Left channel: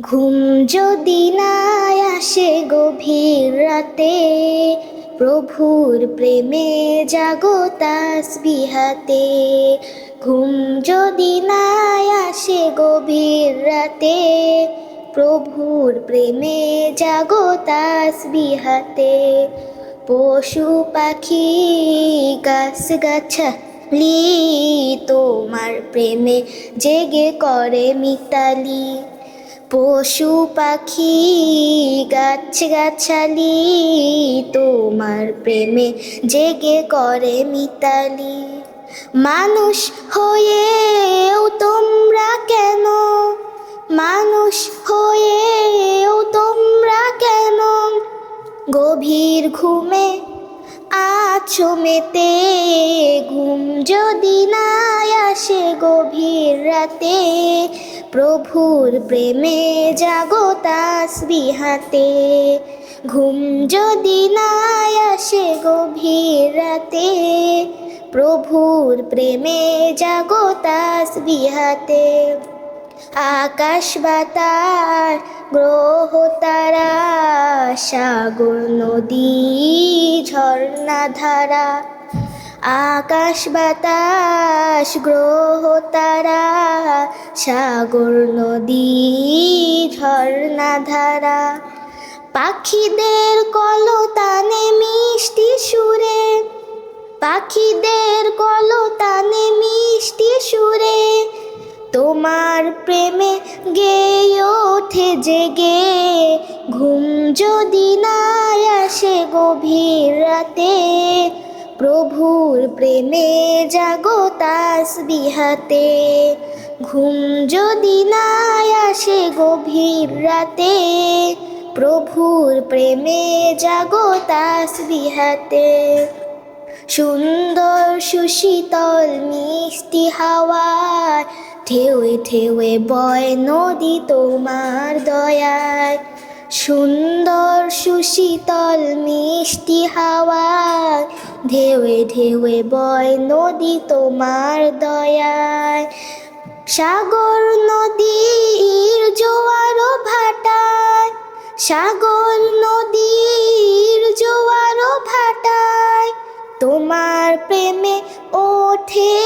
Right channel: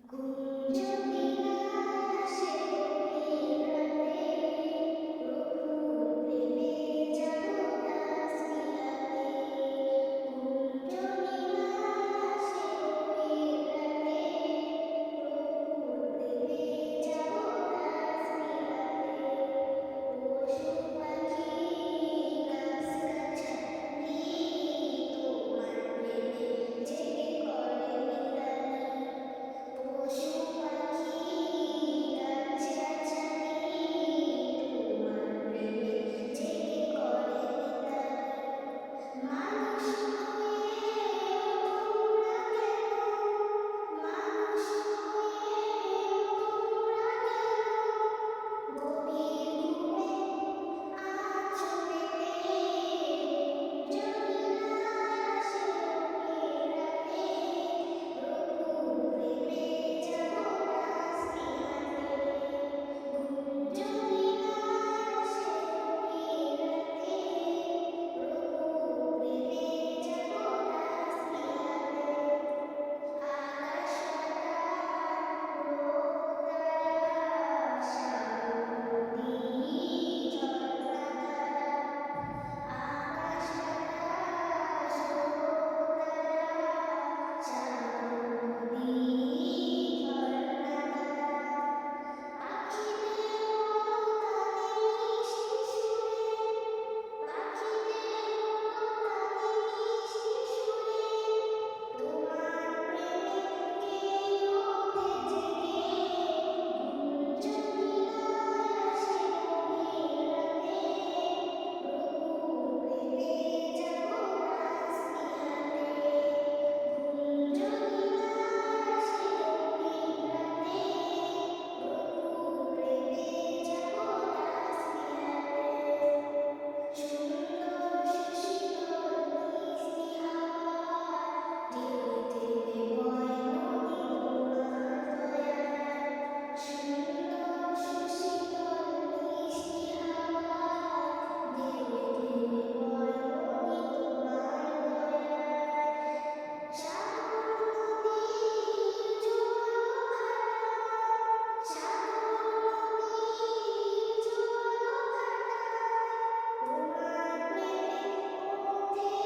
ঘুম যদি না আসে গভীর রাতে, প্রভুর প্রেমে জাগো তাসবিহাতে। ঘুম যদি না আসে গভীর রাতে, প্রভুর প্রেমে জাগো তাসবিহাতে। পশু পাখি গাছ গাছালি তোমার প্রেমে জেগে করে মিতালি। পশু পাখি গাছ গাছালি তোমার প্রেমে জেগে করে মিতালি। মানুষ হয়েও তোমরা কেন, মানুষ হয়েও তোমরা কেন গভীর ঘুমে আছো মেতে। ঘুম যদি না আসে গভীর রাতে, প্রভুর প্রেমে জাগো তাসবিহাতে। ঘুম যদি না আসে গভীর রাতে, প্রভুর প্রেমে জাগো তাসবিহাতে। আকাশ বাতাস গ্রহ তারা, সাগর নদী ঝর্ণা ধারা। আকাশ বাতাস গ্রহ তারা, সাগর নদী ঝর্ণা ধারা। পাখিদের কলতানে মিষ্টি সুরে, পাখিদের কলতানে মিষ্টি সুরে তোমার প্রেমে গেয়ে ওঠে জেগে। ঘুম যদি না আসে গভীর রাতে, প্রভুর প্রেমে জাগো তাসবিহাতে। ঘুম যদি না আসে গভীর রাতে, প্রভুর প্রেমে জাগো তাসবিহাতে। সুন্দর সুশীতল মিষ্টি হাওয়ায় ঢেউয়ে ঢেউয়ে বয় নদী তোমার দয়ায়। সুন্দর সুশীতল মিষ্টি হাওয়ায় ঢেউয়ে ঢেউয়ে বয় নদী তোমার দয়ায়। সাগর নদীর জোয়ার ভাটায়, সাগর নদীর জোয়ার ভাটায় তোমার প্রেমে ওঠে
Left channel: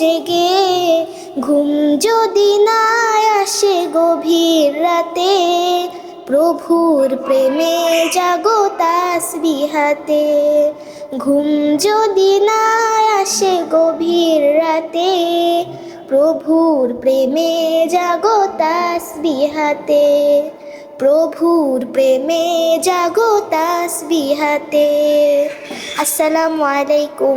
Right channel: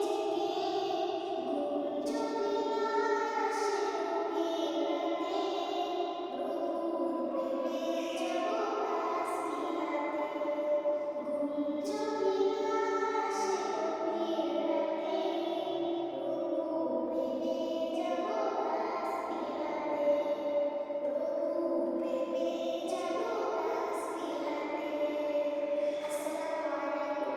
জেগে। ঘুম যদি না আসে গভীর রাতে, প্রভুর প্রেমে জাগো তাসবিহাতে। ঘুম যদি না আসে গভীর রাতে, প্রভুর প্রেমে জাগো তাসবিহাতে। প্রভুর প্রেমে জাগো তাসবিহাতে। আসসালামু আলাইকুম।